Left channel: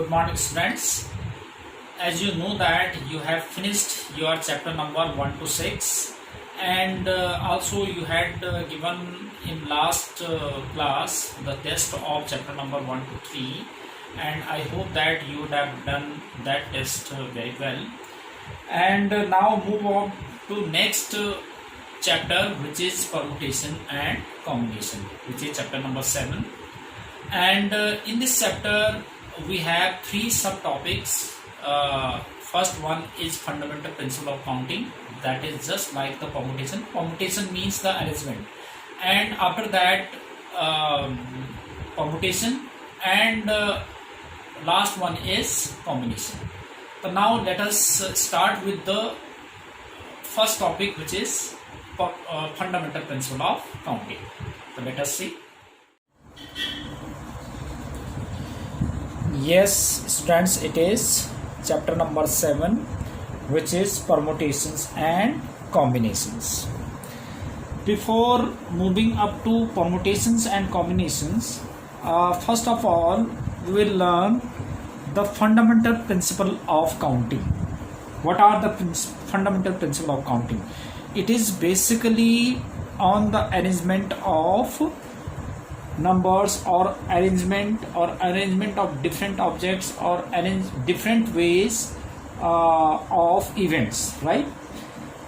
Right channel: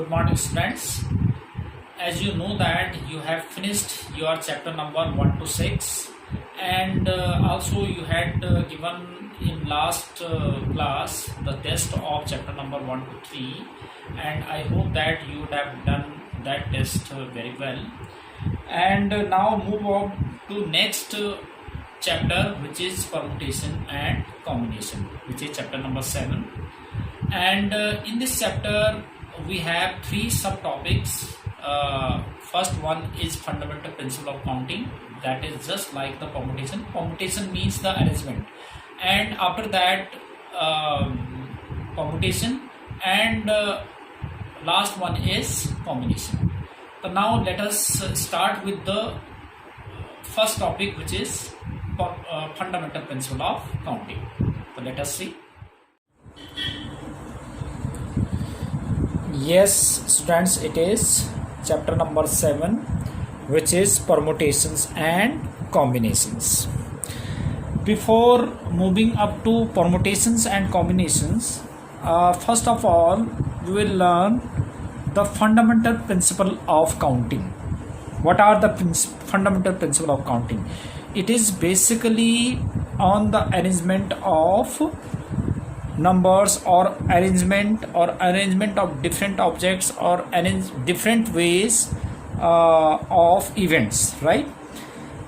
Good morning, students. As you know that you have finished your chapter number 1 to 6, and also you had given in last class the test of chapter number 1 to 3, and I hope that you would have done that test very well. And now move on to next chapter, which is permutation and combination, which is chapter number 7. And in this chapter we have three subtopics. First one is fundamental principle of counting, that is just like the permutation. Permutation means the arrangement, and after that permutation, and last one is combination. So now let us start with the first topic, which is fundamental principle of counting. So let us see. Yes, students, it is chapter number 7, which is permutations and combinations. Before moving up to permutations and combinations, first of all we will learn the fundamental principle of counting. What are the fundamental principle of counting? It is basically on the arrangement of numbers, or arrangement of different objects, or different ways of events, right?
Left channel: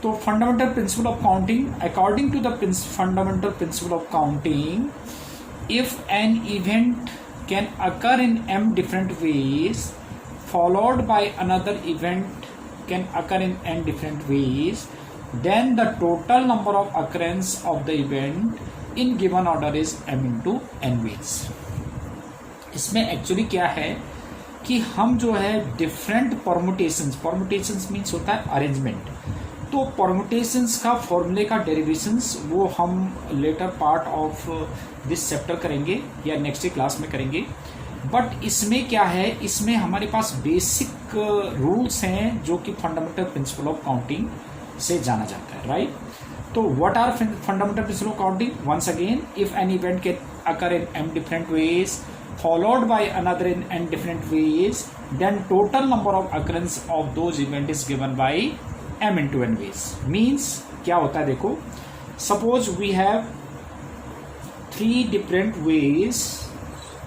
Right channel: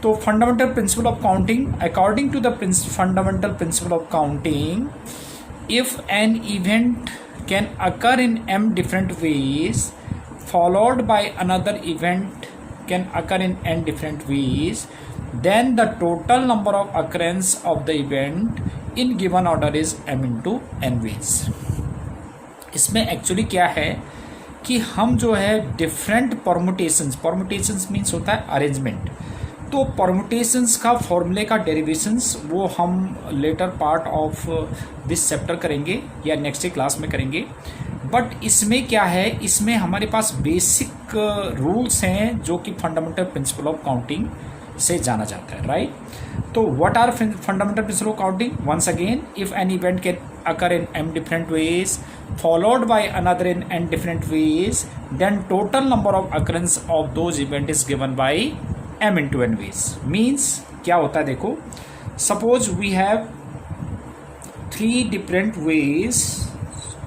So fundamental principle of counting, according to the fundamental principle of counting, if an event can occur in m different ways followed by another event can occur in n different ways, then the total number of occurrence of the event in given order is m into n ways. इसमें actually क्या है कि हम जो है different permutations means होता है arrangement. तो परमुटेशंस का फॉर्मूले का डेरिवेशंस वो हम later part of this chapter करेंगे या नेक्स्ट क्लास में करेंगे. बट इसमें क्या है, इसमें हमारे पास बेसिक रूल्स हैं जो कि फंडामेंटल प्रिंसिपल ऑफ काउंटिंग से जाना जाता है, राइट? तो what are fundamental principle of counting? Once again, if an event can occur in m different ways followed by another in n different ways, then total number of occurrence of those event is given by m into n ways. Means क्या होता है, देखो, suppose we have 3 different ways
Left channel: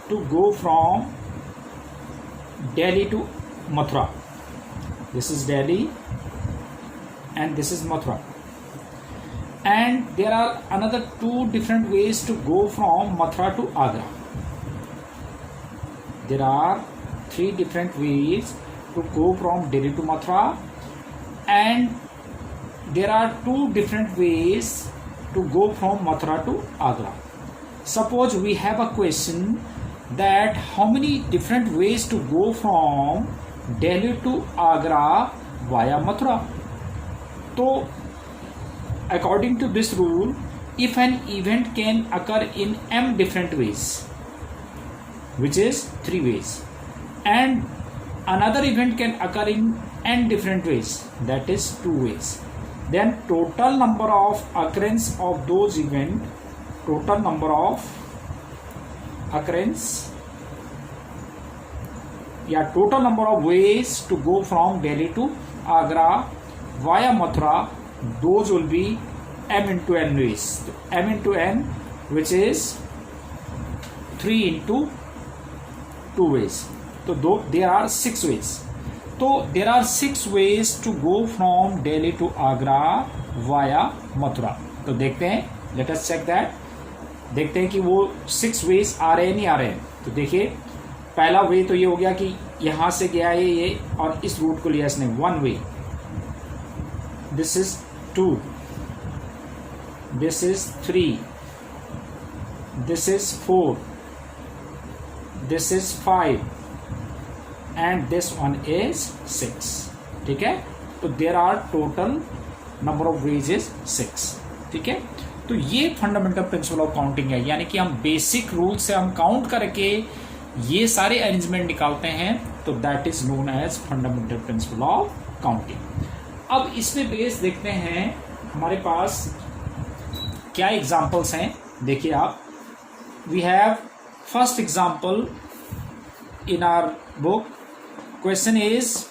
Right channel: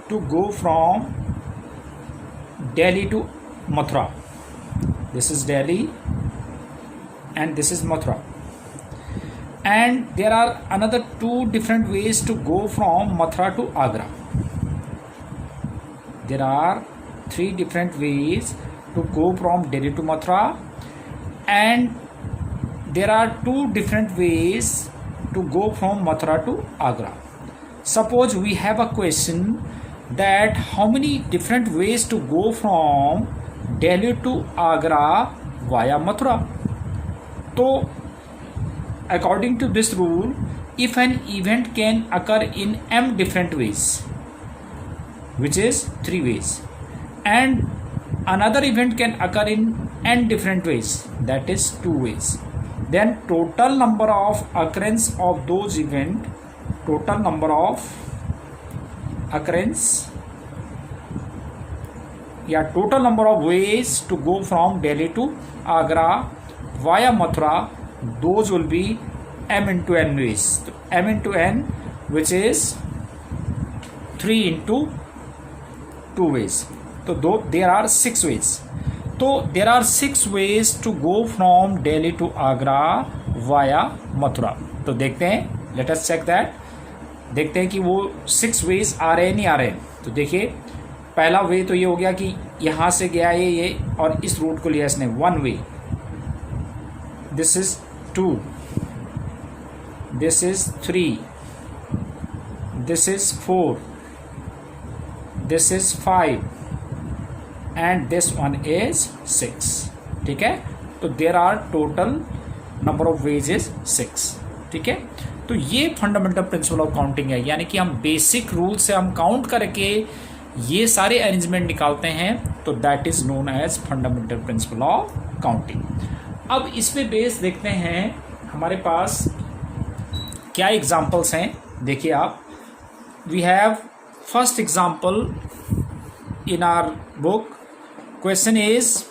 to go from Delhi to Mathura. This is Delhi and this is Mathura. And there are another 2 different ways to go from Mathura to Agra. There are 3 different ways to go from Delhi to Mathura, and there are 2 different ways to go from Mathura to Agra. Suppose we have a question that how many different ways to go from Delhi to Agra via Mathura. So according to this rule, if an event can occur in m different ways, which is 3 ways, and another event can occur in n different ways, that is 2 ways, then total number of occurrence of those event, total number of occurrence, total number of ways to go from Delhi to Agra via Mathura, those will be m into n ways. So m into n, which is 3 into 2 ways. So there are 6 ways. So there are 6 ways to go from Delhi to Agra via Mathura. तो देखते हैं, let us check that. देखते हैं कि वो 6 ways आ रहे हैं नहीं आ रहे हैं. तो देखिए, पहला वे तो ये हो गया कि यहाँ से गया ये और इस रूट को लिया इसने, 1 way. This is 2, this is 3, this is 4, this is 5, and this one is 6. ठीक है? तो there are total number of ways is 6. ठीक है? तो ये फंडामेंटल प्रिंसिपल ऑफ काउंटिंग है, यानी कि हम बेसिक रूल से हम काउंट करके ये सारे अरेंजमेंट निकालते हैं, तो that is known as fundamental principle of counting. अब इस पे बेस देखते हैं हमारे पास क्या एग्जाम्पल्स हैं. देखिए आप, we have first example in our book. Question is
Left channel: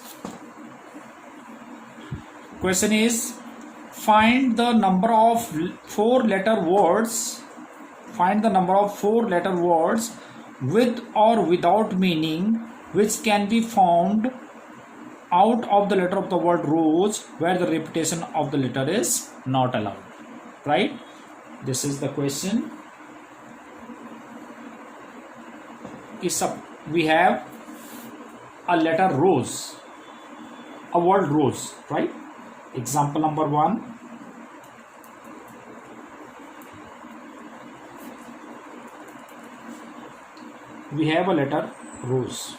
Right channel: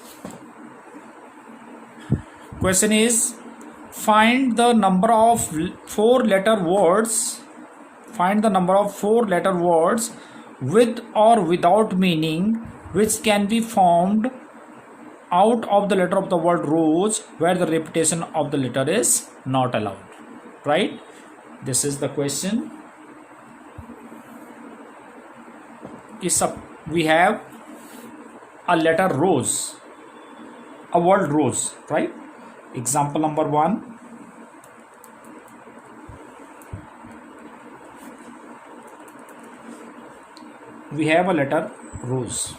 find the number of four-letter words. Find the number of four-letter words with or without meaning which can be found out of the letter of the word rose where the repetition of the letter is not allowed. Right? This is the question. We have a letter rose, a word rose, right? Example number 1. We have a letter rose.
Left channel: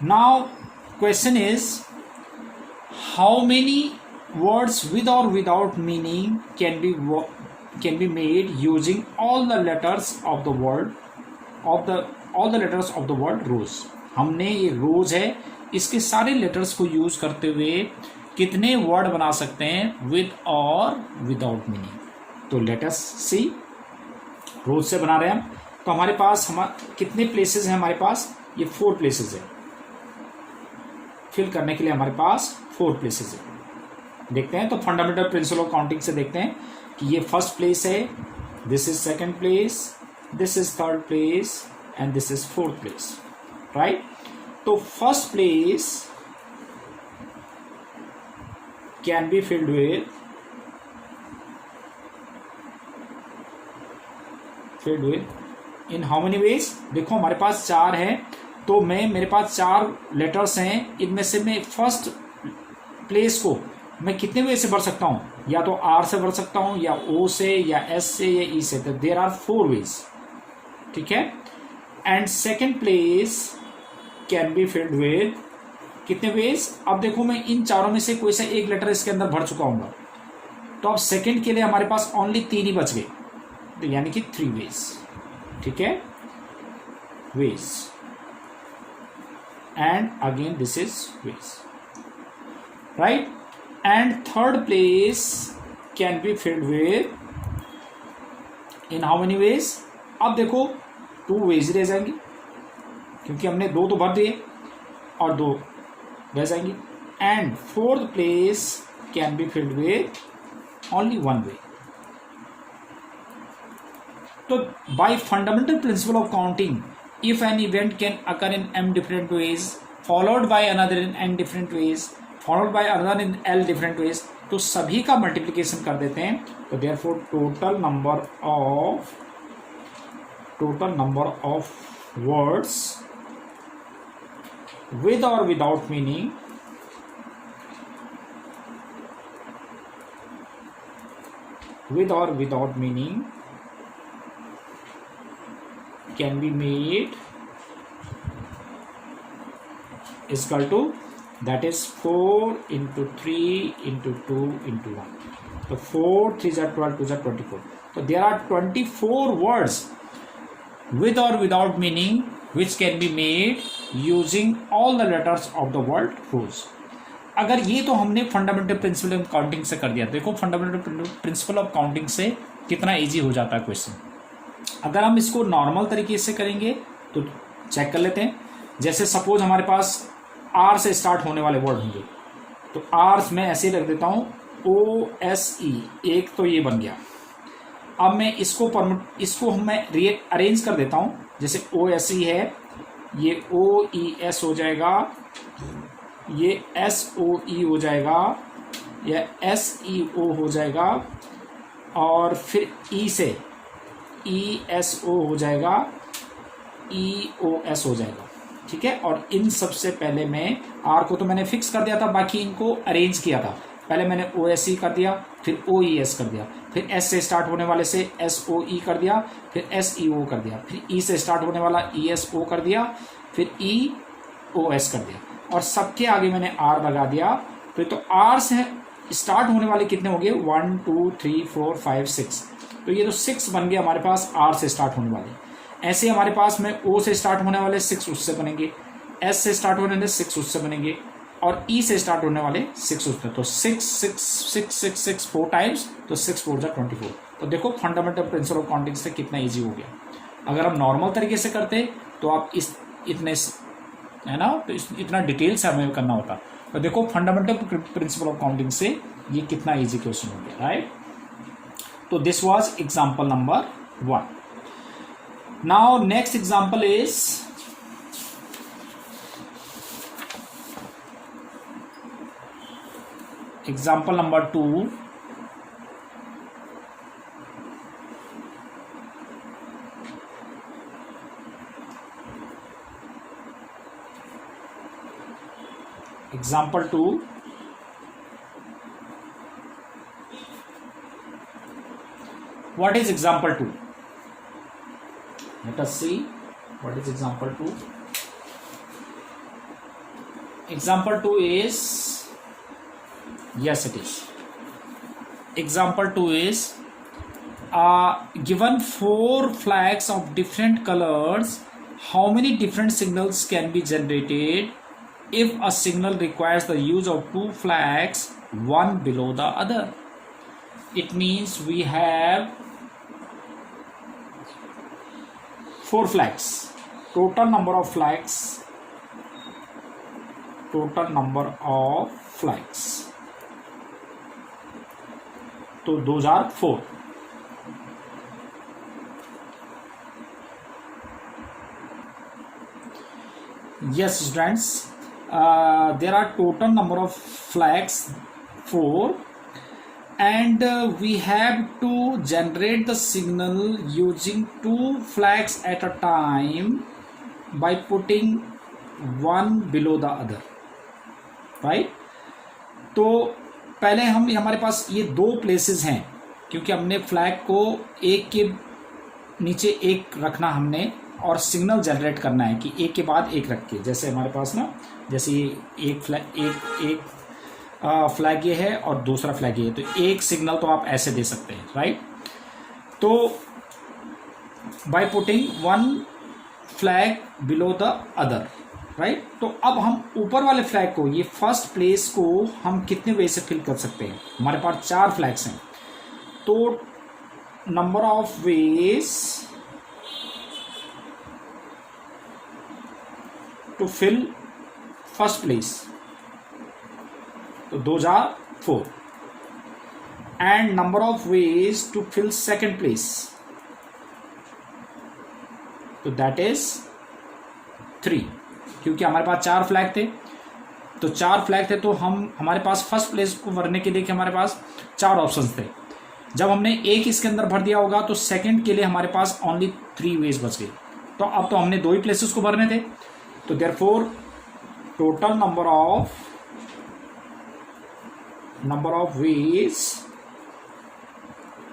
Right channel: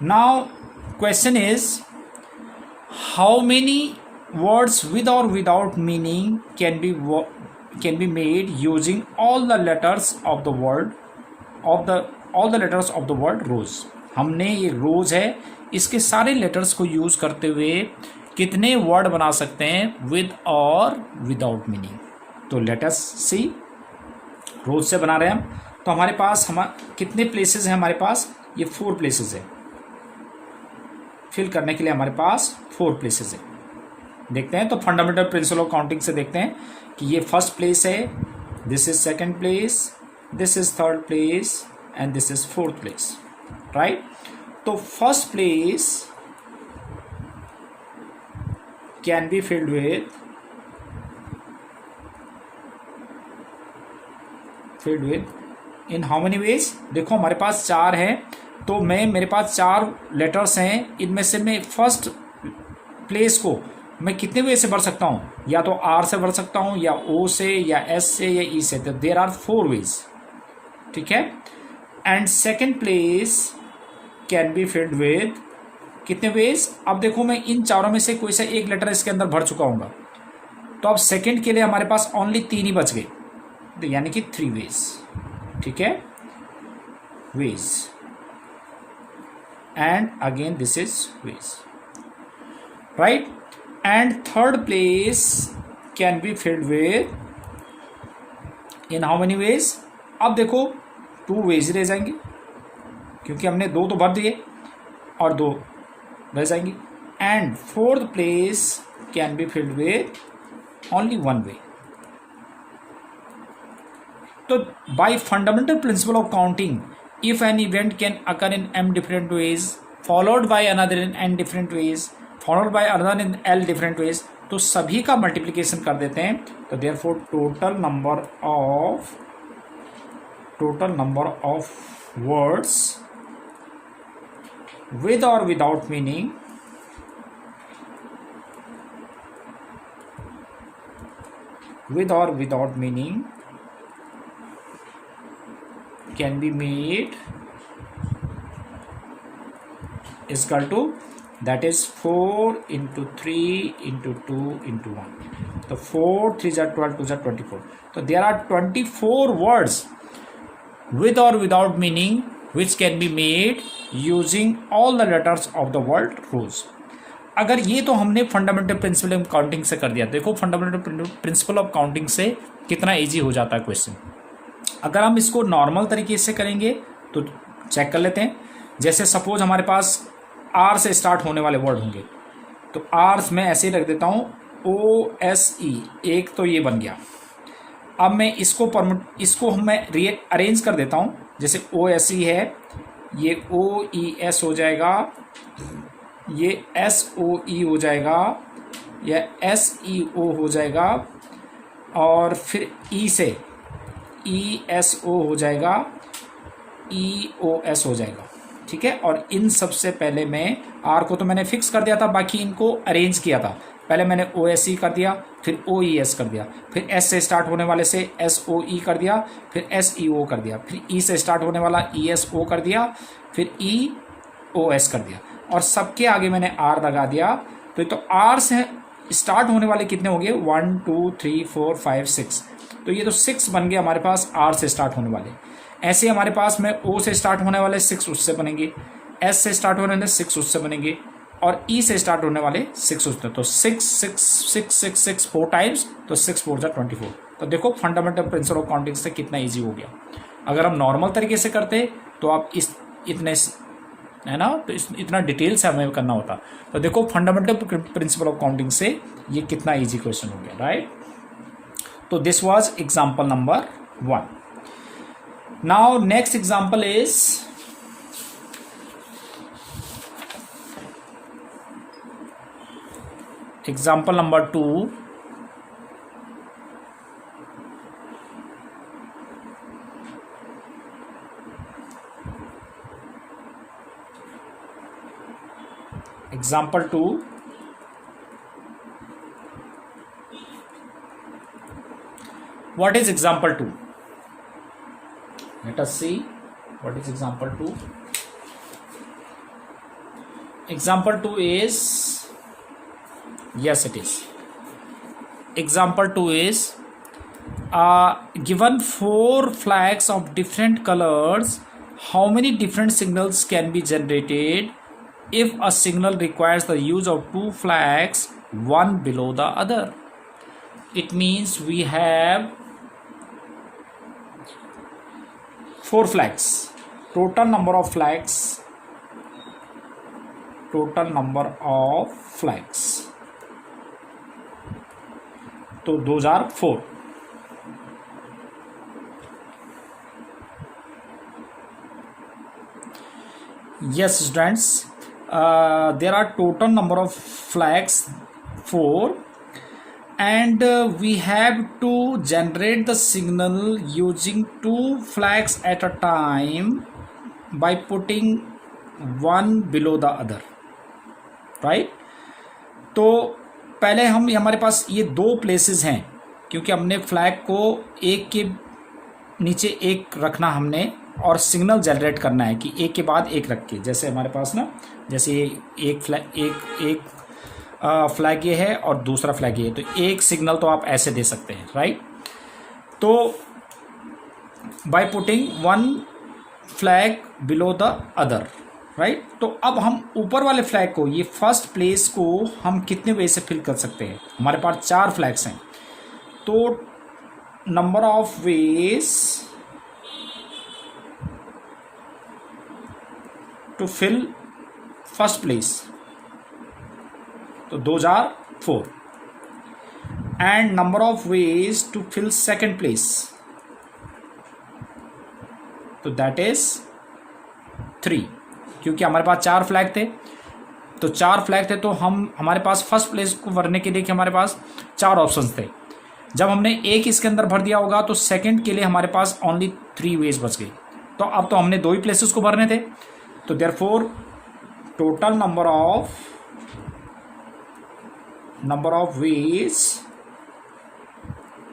Now question is, how many words with or without meaning can be made using all the letters of the word rose. हमने ये रोज है, इसके सारे letters को use करते हुए कितने word बना सकते हैं विद और विदाउट मीनिंग. तो लेट अस सी. रोज से बना रहे हैं हम, तो हमारे पास कितने प्लेसेस हैं? हमारे पास ये 4 प्लेसेस है. फिल करने के लिए हमारे पास 4 प्लेसेस है. देखते हैं तो फंडामेंटल प्रिंसिपल ऑफ काउंटिंग से देखते हैं कि ये फर्स्ट प्लेस है, this is second place, this is third place and this is fourth place. Right? तो first place can be filled with in how many ways? देखो हमारे पास 4 है, तो मेरे पास 4 लेटर्स हैं, इनमें से मैं फर्स्ट प्लेस को मैं कितने वे से भर सकता हूं? या तो आर से भर सकता हूं, या ओ से, या एस से, या ई से. तो देयर आर 4 वेज. ठीक है? And second place can be filled with कितने वेज? अब देखो मैं इन चारों में से कोई सा एक लेटर इसके अंदर भर चुका हूँ, तो अब सेकंड के लिए हमारे पास ओनली 3 ही बच गए, तो यानी कि 3 वेज. ठीक है? Ways. And again this is ways. Right? And third place can be filled with in how many ways? अब देखो 2 वेज रह जाएंगे, क्योंकि हमने 2 तो भर दिए और 2 रह जाएंगे. And fourth place can be filled with only 1 वे. तो bye fundamental principle of counting, if an event can occur in m different ways followed by another in n different ways followed by another in l different ways, तो सभी का multiplication कर देते हैं. तो therefore total number of words with or without meaning can be made is equal to, that is 4 into 3 into 2 into 1. So 4 3 are 12, 2 are 24. So there are 24 words with or without meaning which can be made using all the letters of the word rose. अगर ये तो हमने fundamental principle of counting से कर दिया. देखो fundamental principle of counting से कितना इजी हो जाता है क्वेश्चन. अगर हम इसको नॉर्मल तरीके से करेंगे तो चेक कर लेते हैं. जैसे सपोज हमारे पास आर से स्टार्ट होने वाले वर्ड होंगे, तो आर मैं ऐसे ही रख देता हूँ OSE. एक तो ये बन गया. अब मैं इसको मैं अरेंज कर देता हूँ. जैसे OSE है, ये OES हो जाएगा, ये SOE हो जाएगा, या SEO हो जाएगा, और फिर E से ESO हो जाएगा, EOS हो जाएगा. ठीक है? और इन सबसे पहले मैं आर को तो मैंने फिक्स कर दिया था, बाकी इनको अरेंज किया था. पहले मैंने OSE कर दिया, फिर OES कर दिया, फिर S से स्टार्ट होने वाले से SOE कर दिया, फिर SEO कर दिया, फिर E से स्टार्ट होने वाला ESO कर दिया, फिर EOS कर दिया, और सबके आगे मैंने R लगा दिया. तो R से स्टार्ट होने वाले कितने हो गए? 1 2 3 4 5 6. तो ये तो 6 बन गए हमारे पास R से स्टार्ट होने वाले. ऐसे हमारे पास में O से स्टार्ट होने वाले 6 उससे बनेंगे, S से स्टार्ट होने वाले 6 उससे बनेंगे, और E से स्टार्ट होने वाले 6 उससे. तो 6 6 6 6 6 4 टाइम्स, तो 6 4 जा 24. तो देखो फंडामेंटल प्रिंसिपल ऑफ काउंटिंग से कितना इजी हो गया. अगर हम नॉर्मल तरीके से करते तो आप इतने है ना, तो इतना डिटेल से हमें करना होता। तो देखो फंडामेंटल प्रिंसिपल ऑफ काउंटिंग से ये कितना इजी क्वेश्चन हो गया, राइट। तो this was example number 1. Now next example is example number 2. Example 2. What is example 2? Let us see what is example 2. Example 2 is, yes it is. Example 2 is given 4 flags of different colors. How many different signals can be generated if a signal requires the use of 2 flags, one below the other? It means we have 4 flags. Total number of flags. So those are 4. Yes, students. There are total number of flags 4, and we have to generate the signal using 2 flags at a time by putting one below the other, right? तो पहले हमारे पास ये 2 places हैं, क्योंकि हमने flag को एक के नीचे एक रखना हमने, और सिग्नल जनरेट करना है कि एक के बाद एक रख के, जैसे हमारे पास ना, जैसे एक फ्लैग ये है और दूसरा फ्लैग ये है, तो एक सिग्नल तो आप ऐसे दे सकते हैं, राइट। तो bye putting one flag below the other, right. तो अब हम ऊपर वाले फ्लैग को, ये फर्स्ट प्लेस को हम कितने वे से फिल कर सकते हैं? हमारे पास 4 फ्लैग्स हैं, तो number of ways to fill first place, so those are 4, and number of ways to fill second place, so that is 3. क्योंकि हमारे पास 4 फ्लैग थे, तो 4 फ्लैग थे, तो हमारे पास फर्स्ट प्लेस को भरने के लिए हमारे पास 4 ऑप्शंस थे। जब हमने एक इसके अंदर भर दिया होगा, तो सेकंड के लिए हमारे पास ओनली 3 वेज बच गई। तो अब तो हमने 2 ही प्लेसेस को भरने थे, तो therefore total number of ways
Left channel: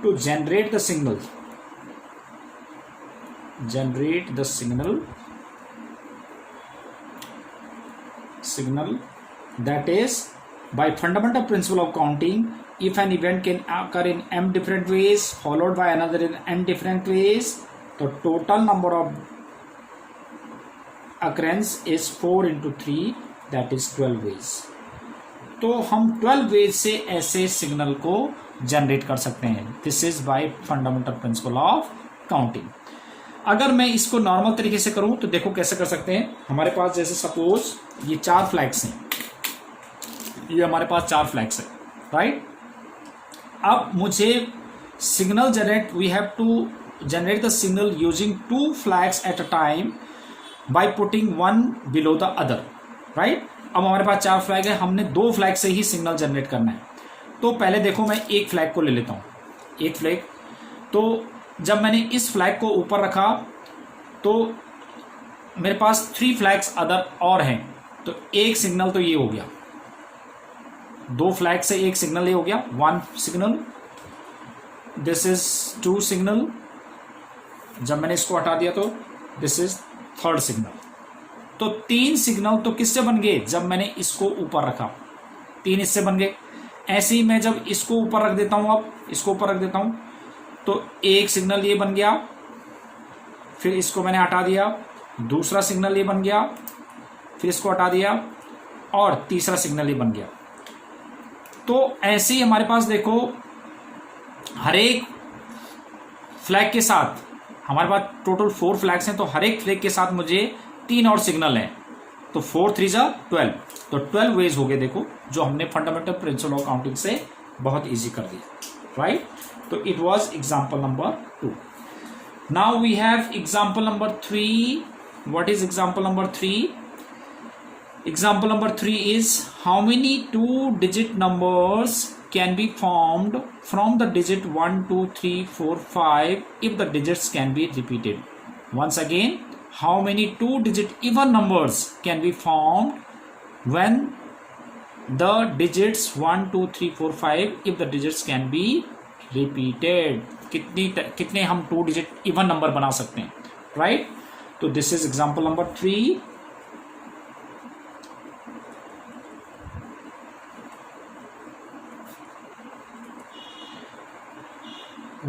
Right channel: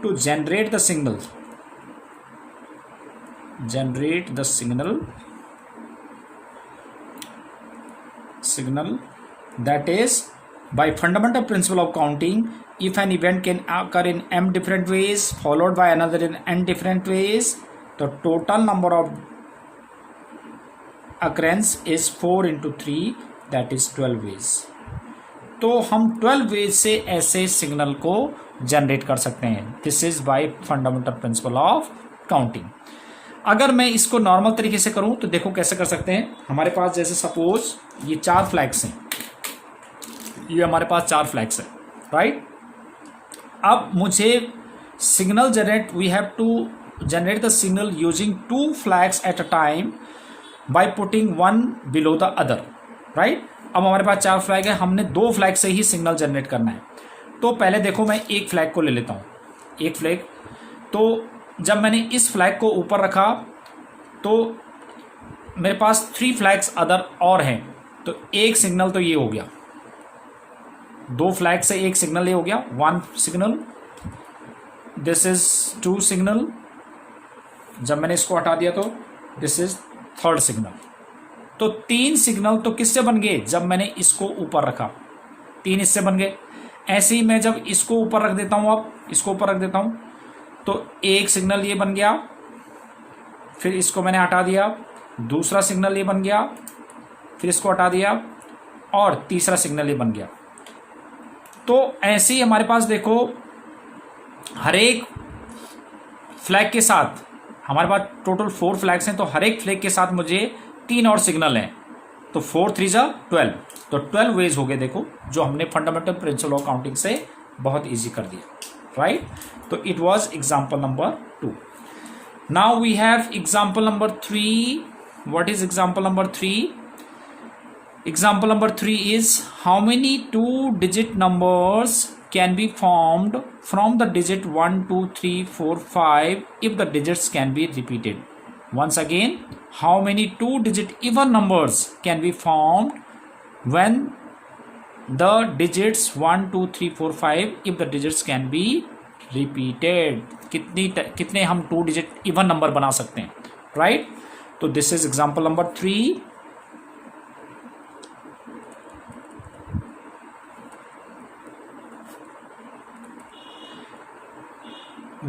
to generate the signal that is, by fundamental principle of counting, if an event can occur in m different ways followed by another in n different ways, the total number of occurrence is 4 into 3, that is 12 ways. तो हम 12 veg से ऐसे signal को generate कर सकते हैं। This is by fundamental principle of counting. अगर मैं इसको नॉर्मल तरीके से करूं तो देखो कैसे कर सकते हैं। हमारे पास जैसे सपोज ये 4 फ्लैग्स हैं, ये हमारे पास 4 फ्लैग्स हैं, राइट। अब मुझे signal generate, we have to generate the signal using 2 flags at a time by putting one below the other, right. अब हमारे पास 4 फ्लैग है, हमने 2 फ्लैग से ही सिग्नल जनरेट करना है। तो पहले देखो मैं एक फ्लैग को ले लेता हूँ, एक फ्लैग। तो जब मैंने इस फ्लैग को ऊपर रखा तो मेरे पास 3 फ्लैग्स अदर और हैं, तो एक सिग्नल तो ये हो गया, 2 फ्लैग से एक सिग्नल ये हो गया, 1 सिग्नल, दिस इज 2 सिग्नल। जब मैंने इसको हटा दिया तो दिस इज 3rd सिग्नल। तो 3 सिग्नल तो किससे बन गए? जब मैंने इसको ऊपर रखा 3 इससे बन गए। ऐसे ही मैं जब इसको ऊपर रख देता हूं, अब इसको ऊपर रख देता हूं, तो एक सिग्नल ये बन गया, फिर इसको मैंने हटा दिया, दूसरा सिग्नल ये बन गया, फिर इसको हटा दिया, और तीसरा सिग्नल ये बन गया। तो ऐसे ही हमारे पास देखो हर एक फ्लैग के साथ, हमारे पास टोटल 4 फ्लैग्स हैं, तो हर एक फ्लैग के साथ मुझे 3 और सिग्नल हैं, तो 4 3 जा 12, तो 12 वेज हो गए देखो, जो हमने फंडामेंटल प्रिंसिपल ऑफ काउंटिंग से बहुत इजी कर दिया, राइट। तो it was example number 2. Now we have example number 3. What is example number 3? Example number 3 is how many 2-digit numbers can be formed from the digit 1, 2, 3, 4, 5 if the digits can be repeated. Once again, how many 2-digit even numbers can be formed when the digits 1, 2, 3, 4, 5 if the digits can be repeated. कितने हम 2-digit even number बना सकते हैं, right? तो this is example number 3.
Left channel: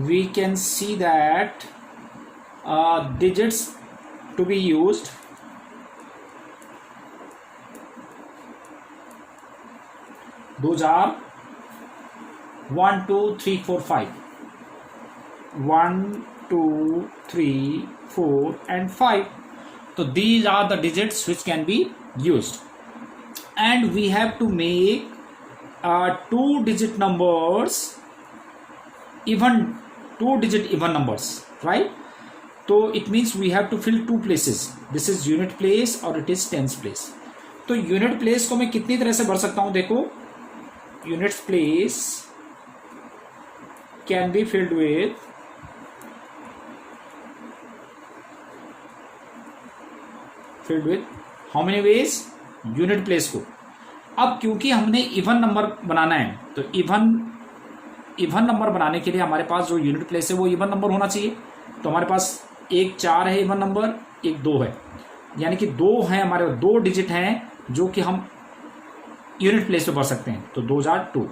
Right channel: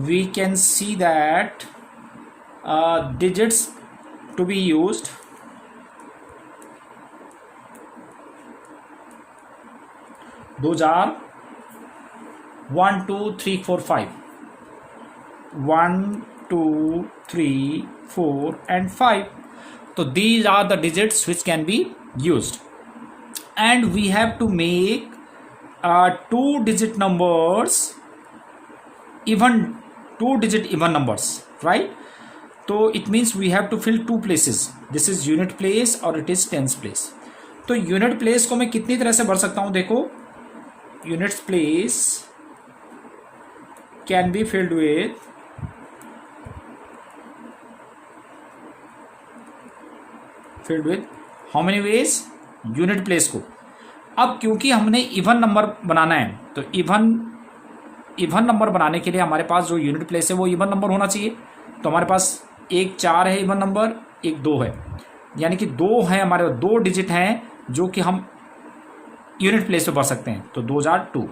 We can see that digits to be used those are 1 2 3 4 5, 1 2 3 4 and 5. So these are the digits which can be used, and we have to make 2-digit numbers even 2-digit even numbers, right? So it means we have to fill 2 places. This is unit place or it is tens place. तो unit place को मैं कितनी तरह से भर सकता हूं, देखो units place can be filled with how many ways? unit place को. अब क्योंकि हमने इवन नंबर बनाना है, तो इवन नंबर बनाने के लिए हमारे पास जो यूनिट प्लेस है वो इवन नंबर होना चाहिए. तो हमारे पास एक 4 है इवन नंबर, एक 2 है, यानी कि 2 है हमारे 2 डिजिट हैं जो कि हम यूनिट प्लेस पे भर सकते हैं. तो 2 जार 2,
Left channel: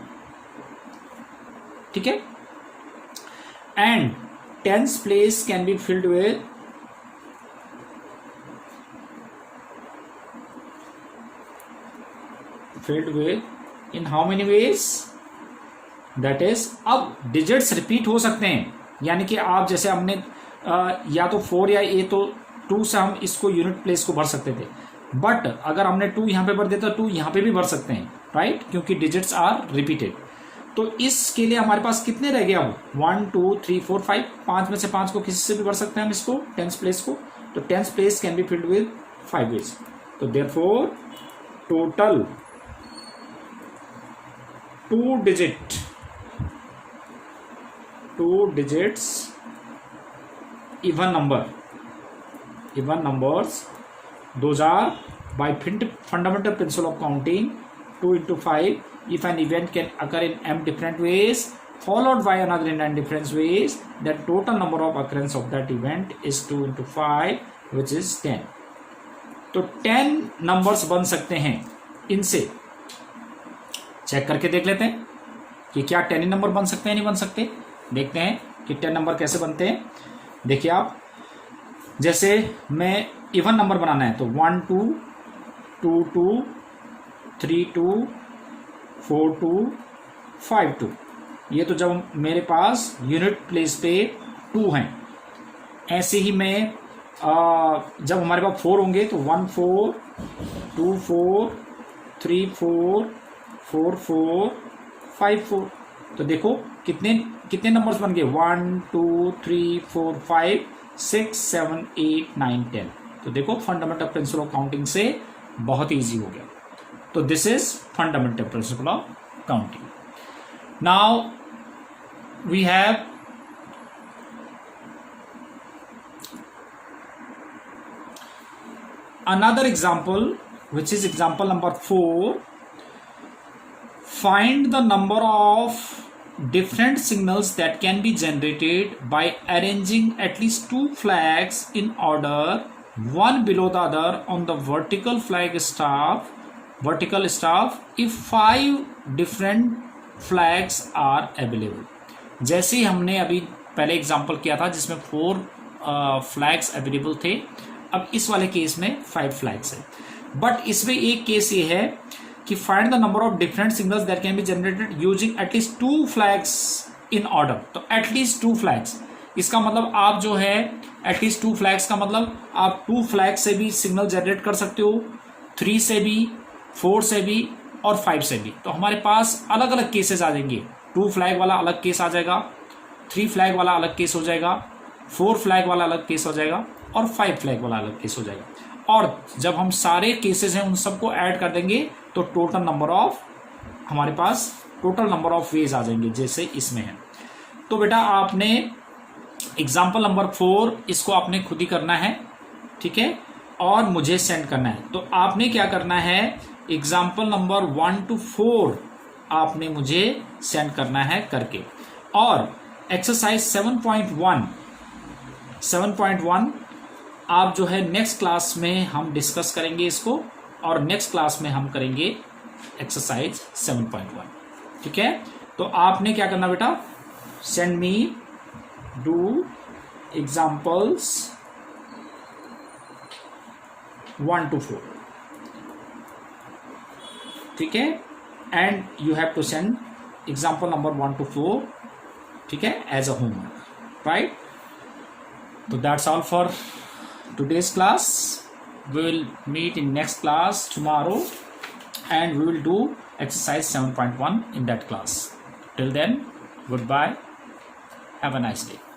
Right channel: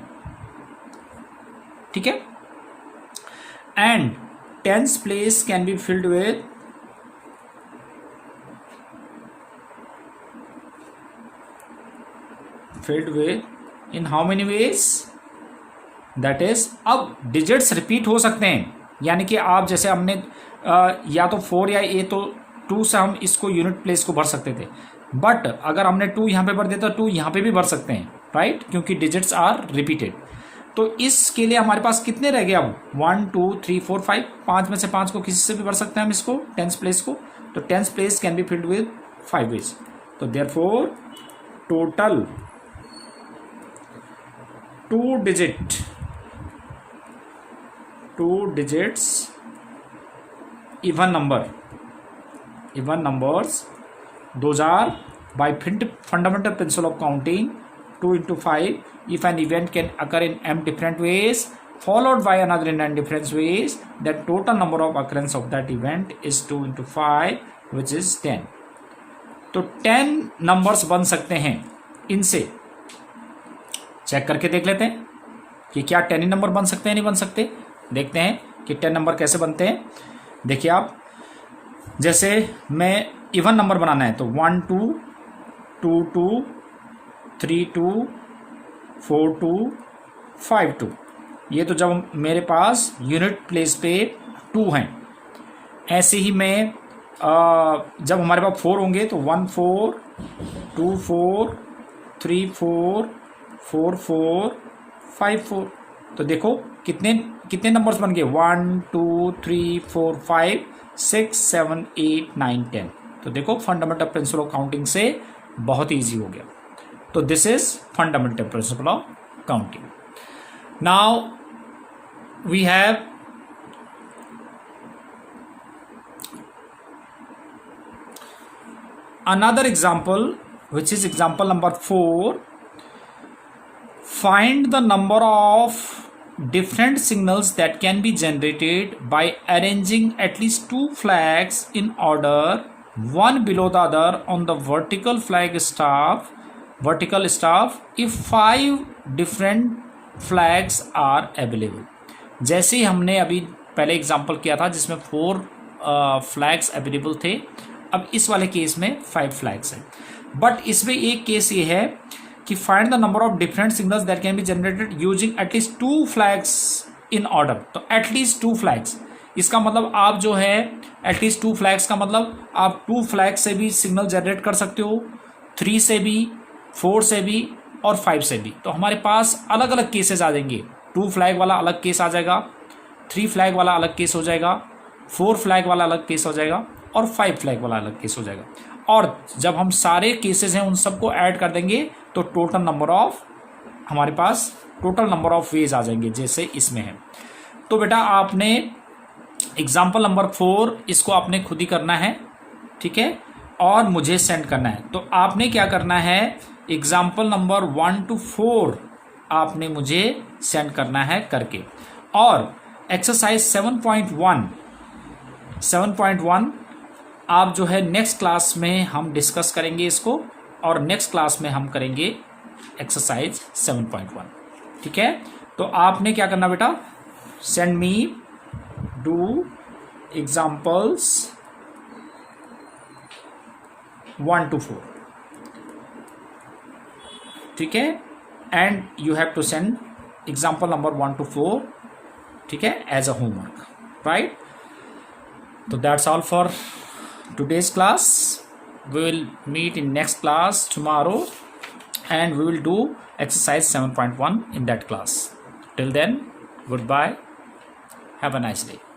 ठीक है. And tense place can be filled with in how many veg? That is, अब डिजिट्स रिपीट हो सकते हैं, यानी कि आप जैसे हमने या तो 4 या 8, तो 2 से हम इसको यूनिट प्लेस को भर सकते थे, बट अगर हमने 2 यहाँ पे भर दिया तो 2 यहाँ पे भी भर सकते हैं, राइट, क्योंकि डिजिट्स आर रिपीटेड. तो इसके लिए हमारे पास कितने रह गए अब? 1 2 3 4 5, 5 में से 5 को किसी से भी भर सकते हैं हम इसको, टेंस प्लेस को. तो tens place can be filled with 5 ways. तो therefore total 2 digits even numbers, those are by fundamental principle of counting 2 into 5. If an event can occur in m different ways followed by another in n different ways, the total number of occurrence of that event is 2 into 5, which is 10. तो 10 numbers बन सकते हैं. इनसे check करके देख लेते हैं कि क्या 10 नंबर बन सकते हैं, नहीं बन सकते. देखते हैं कि 10 नंबर कैसे बनते हैं. देखिए आप, जैसे मैं इवन नंबर बनाना है तो 1 2 2 2 3 2 4 2 5 2. ये तो जब मेरे पास यूनिट प्लेस पे 2 हैं. ऐसे ही मैं जब हमारे पास 4 होंगे तो 1 4 2 4 3 4 4 4 5 4. तो देखो कितने नंबर्स बन गए? 1 2 3 4 5 6 7 8 9 10. तो देखो फंडामेंटल प्रिंसिपल ऑफ काउंटिंग से बहुत इजी हो गया. तो this is fundamental principle of counting. Now we have another example, which is example number 4. Find the number of different signals that can be generated by arranging at least 2 flags in order, one below the other on the vertical staff if 5 different flags are available. जैसे ही हमने अभी पहले example किया था जिसमें 4 flags available थे, अब इस वाले केस में 5 फ्लैग्स है. बट इसमें एक केस ये है कि find the number of different signals that can be generated using at least 2 flags in order. तो एटलीस्ट 2 फ्लैग्स, इसका मतलब आप जो है एटलीस्ट 2 फ्लैग्स का मतलब आप 2 फ्लैग से भी सिग्नल जनरेट कर सकते हो, 3 से भी, 4 से भी और 5 से भी। तो हमारे पास अलग अलग केसेस आ जाएंगे। 2 फ्लैग वाला अलग केस आ जाएगा, 3 फ्लैग वाला अलग केस हो जाएगा, 4 फ्लैग वाला अलग केस हो जाएगा और 5 फ्लैग वाला अलग केस हो जाएगा। और जब हम सारे केसेस हैं उन सबको ऐड कर देंगे तो टोटल नंबर ऑफ वेज आ जाएंगे, जैसे इसमें है। तो बेटा आपने एग्जाम्पल नंबर 4 इसको आपने खुद ही करना है, ठीक है, और मुझे सेंड करना है। तो आपने क्या करना है, एग्जाम्पल नंबर 1 to 4 आपने मुझे सेंड करना है करके। और एक्सरसाइज 7.1 आप जो है नेक्स्ट क्लास में हम डिस्कस करेंगे इसको, और नेक्स्ट क्लास में हम करेंगे एक्सरसाइज 7.1, ठीक है। तो आपने क्या करना बेटा, send me do examples 1 to 4, ठीक है, and you have to send example number 1 to 4, ठीक है, एज अ होमवर्क, राइट। तो that's all for today's class. We will meet in next class tomorrow and we will do exercise 7.1 in that class. Till then, goodbye. Have a nice day.